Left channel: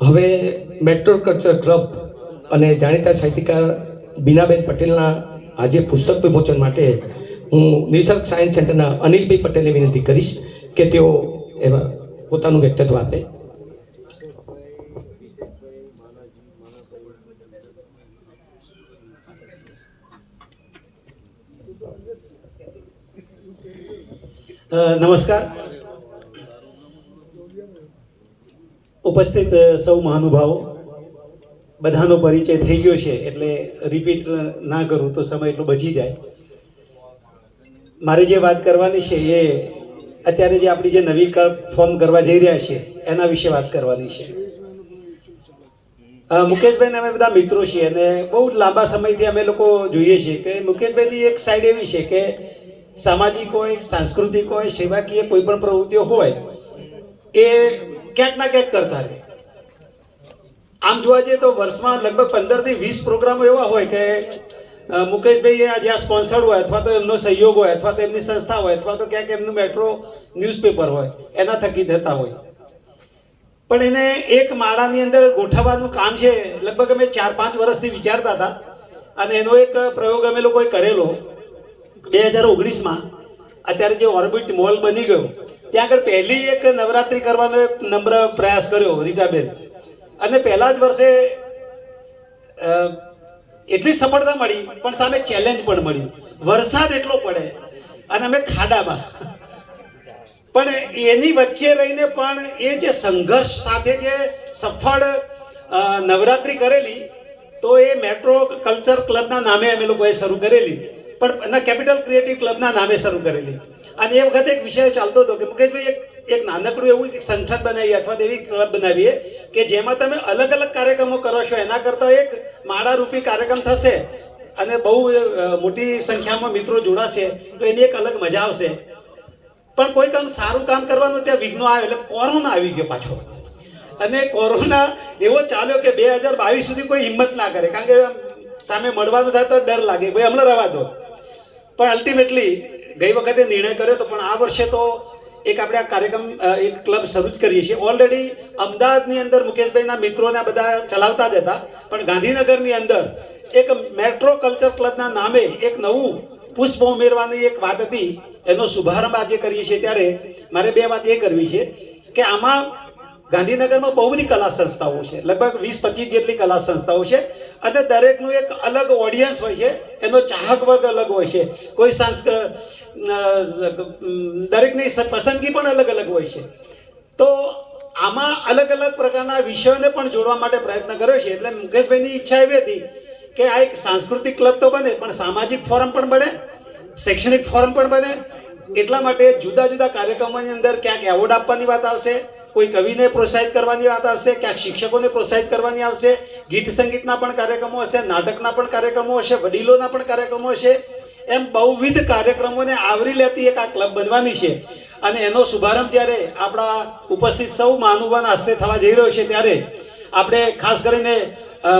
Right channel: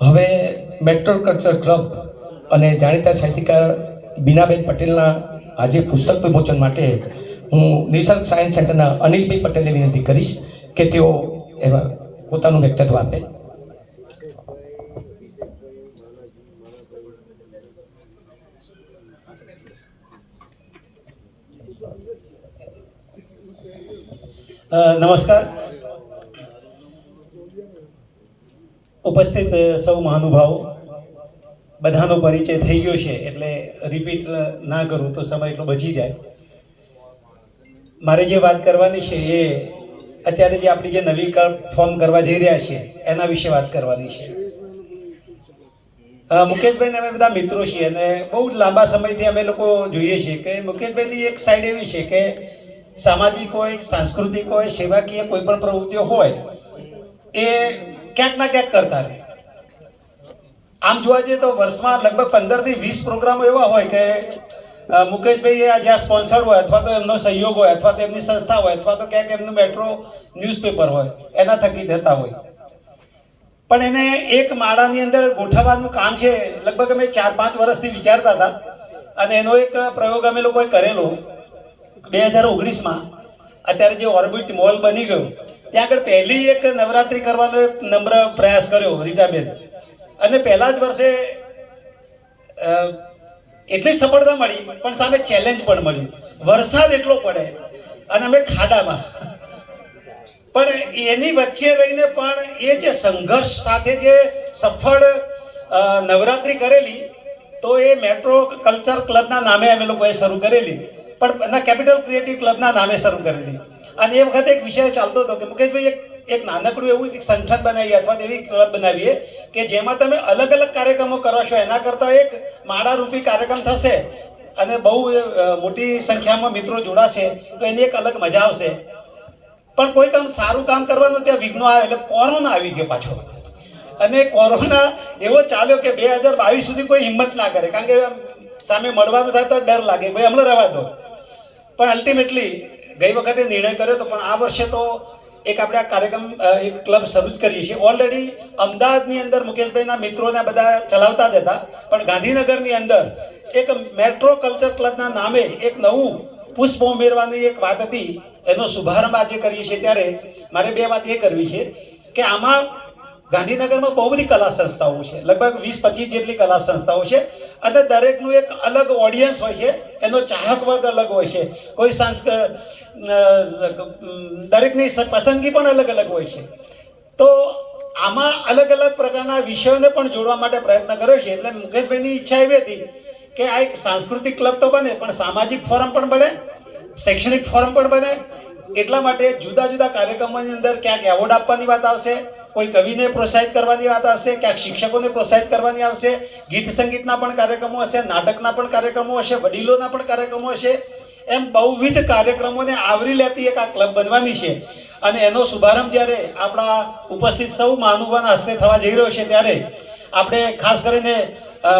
હવે metro culture club અને જાણીતા સાહિત્યકાર બીનાબેન પટેલના આજે પુસ્તક વિમોચન માટે હું નિસર્ગ સાયન્સ સેન્ટરના અનિલભાઈ પટેલને વિનંતી કરીશ કે તેઓ એમાં પોતાનું વ્યક્તિત્વ આપે. નમસ્કાર. ઉપસ્થિત સૌ મહાનુભાવો, બધાનો પરિચય થઈ ગયો છે એટલે રિપીટ ના કરું તો સમય એટલો બચી જાય. મારે જે વાત કરવાની છે એ અત્યારે જે આપણી જે નવી ફોર્મ કરવા જઈ રહ્યા છે એના વિશે વાત કરવાની છે. મુકેશભાઈને અમે બધા મિત્રો છીએ અને બહુ લાંબા સમયથી અમે લોકો જોઈએ છીએ કે મુકેશભાઈની એક સાઈડ એવી છે કે સામાજિક હોય, સાંસ્કૃતિક હોય, સેવાકીય કોઈ પણ પ્રવૃત્તિઓ હોય, એ ક્યાંક ના ક્યાંક કરતા રહે. આમ જોવા જઈએ તો વર્ષમાં લગભગ પંદરથી વીસ પ્રોગ્રામો એવા હોય કે મુકેશભાઈ જ્યાં સ્પોન્સર્ડ હોય અથવા તો એમનો સહયોગ હોય અથવા તો એમની સંસ્થા હોય અથવા તો ક્યાંક એમનું મેટ્રો ન્યૂઝપેપર હોય, એના થકી થતા હોય. પણ એને એક માળાની અંદર ગોઠવવાનું કામ છે, લગભગ અમે ચાર પાંચ વર્ષથી વિચારતા હતા. અને એનો એક પ્રયોગ અમે લોકોએ કરેલો. બે હજાર ઓગણીસમાં અત્યારે જે ઓર્બિટ મોલ બની ગયો ત્યાં આગળ પહેલી એક નવરાત્રિ કરવાનો એક નમ્ર પ્રયાસ કર્યો રીટાબેન. અને પહેલા જ વર્ષે એટલી સફળતા મળી, પણ સામે ચેલેન્જ પણ મળ્યું. વરસાદ એટલો પડે અને અમે ખાડામાં. પણ એની વચ્ચે રહીને પણ એ જે સંઘર્ષ સાથે જે સફળ નવરાત્રિ કરેલી, તો એ મેટ્રો કલ્ચર ક્લબના નામે અમે લોકોએ શરૂ કરેલી. પણ એના કેપિટલ ક્રિએટિવ ક્લબના નામે શરૂ કરેલી. અને એ વખતે એક વિષય ચાલતો હતો કે મુકેશભાઈ, એક એક નાનકડું એવું એક સંગઠન બનાવીએ અથવા એવી ક્લબ બનાવીએ કે જેમાં તમે અલગ અલગ કાર્યક્રમો કરો છો. એના કરતાં એક માળારૂપી કાર્યક્રમ થશે અને બહુ મોટી સંખ્યામાં મિત્રો જોડાશે તો એની એક અલગ મજા આવશે. પણ કોઈ કામ સારું કામ કરવાનું ત્યાં વિઘ્નો આવે એટલે કોરોના આવી ગયો પાછો. અને કોરોના એવો ચાલ્યો કે બે હજાર બાવીસ સુધી કોઈ હિંમત ના કરે. કારણ કે સામે મળવાનું થાય તો ડર લાગે. ભાઈ, હમણાં રહેવા દો. પણ અલ્ટિમેટલી ગઈ વખતે નિર્ણય કર્યો તો પણ આ વર્ષે તો એક આપણે આ કાર્યક્રમ એક ક્લબ શરૂ જ કરીએ છીએ. ઓલરેડી અમદાવાદની અંદર મુકેશભાઈના મિત્રોને બધા ચલાવતા જ હતા. પણ ગાંધીનગરની અંદર એક મેટ્રો કલ્ચર ક્લબના નામે એક નવું પુષ્પ ઉમેરવાની એક વાત હતી. એનો શુભારંભ આજે કરીએ છીએ. ત્યારે મારે બે વાત એ કરવી છે કે આમાં ગાંધીનગરમાં બહુ બધી કલા સંસ્થાઓ છે. લગભગ વીસ પચીસ જેટલી કલા સંસ્થાઓ છે. અને દરેકનું એક અલગ ઓડિયન્સ હોય છે. એનો ચાહક વર્ગ અલગ હોય છે. કોઈ સાંસ્ક દરેકની પસંદગી પણ અલગ અલગ હોય છે. તો આમાં અલગ અલગ પ્રકારના વિષયોને પણ જોડવા માટે પ્રયત્ન કર્યો છે. એટલે મુકેશભાઈની ઈચ્છા એવી હતી કે આ એક સાંસ્કૃતિક ક્લબ તો બને, પણ સામાજિક ફોરમ પણ બને, શૈક્ષણિક ફોરમ પણ બને. એટલા માટે જુદા જુદા કાર્યક્રમોની અંદર ક્યાંક એવોર્ડ આપવાની વાત આવશે કોઈ કવિને પ્રોત્સાહિત કરવાની વાત આવશે, ક્યાંક શિક્ષકોને પ્રોત્સાહિત કરવાની આવશે, ગીત સંગીતના પણ કાર્યક્રમો હશે, નાટકના પણ કાર્યક્રમો હશે, વડીલોના પણ કાર્યક્રમો હશે, એમ બહુવિધ કાર્યક્રમોને આવરી લેતી એક આ ક્લબ બનવાની છે. અને એનો શુભારંભ જ્યારે આપણા ઉપસ્થિત સૌ મહાનુભાવના હસ્તે થવા જઈ રહ્યો છે, ત્યારે આપણે ખાસ કરીને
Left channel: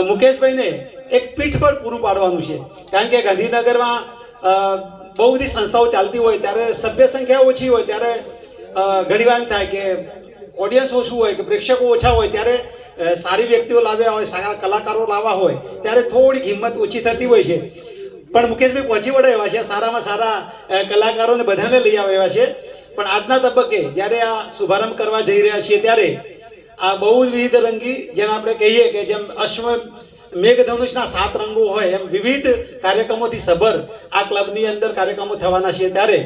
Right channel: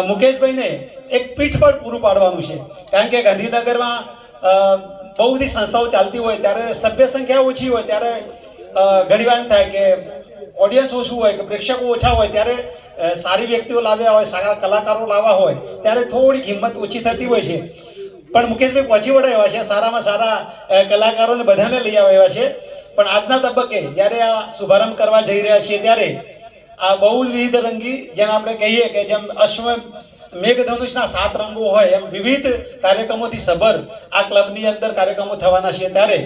મુકેશભાઈને એક પીઠ પર પૂરું પાડવાનું છે. કારણ કે ગાંધીનગરમાં બહુ બધી સંસ્થાઓ ચાલતી હોય, ત્યારે સભ્ય સંખ્યા ઓછી હોય, ત્યારે ઘણીવાર થાય કે ઓડિયન્સ ઓછું હોય કે પ્રેક્ષકો ઓછા હોય ત્યારે સારી વ્યક્તિઓ લાવ્યા હોય, સારા કલાકારો લાવવા હોય, ત્યારે થોડીક હિંમત ઓછી થતી હોય છે. પણ મુકેશભાઈ પહોંચી વળ્યા છે, સારામાં સારા કલાકારોને બધાને લઈ આવ્યા છે. પણ આજના તબક્કે જ્યારે આ શુભારંભ કરવા જઈ રહ્યા છીએ ત્યારે આ બહુ વિવિધ રંગી જેમ આપણે કહીએ કે જેમ અશ્વ, મેઘધનુષના સાત રંગો હોય, એમ વિવિધ કાર્યક્રમોથી સભર આ ક્લબની અંદર કાર્યક્રમો થવાના છે. ત્યારે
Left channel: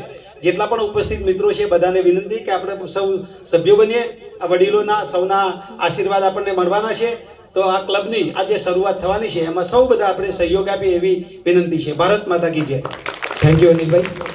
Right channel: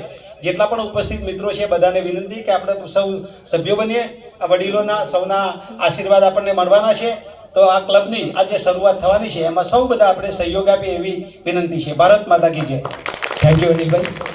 જેટલા પણ ઉપસ્થિત મિત્રો છે, બધાને વિનંતી કે આપણે સૌ સભ્યો બનીએ. આ વડીલોના, સૌના આશીર્વાદ આપણને મળવાના છે. તો આ ક્લબની આજે શરૂઆત થવાની છે. એમાં સૌ બધા આપણે સહયોગ આપીએ એવી વિનંતી છે. ભારત માતા કી જય. Thank you Anilbhai.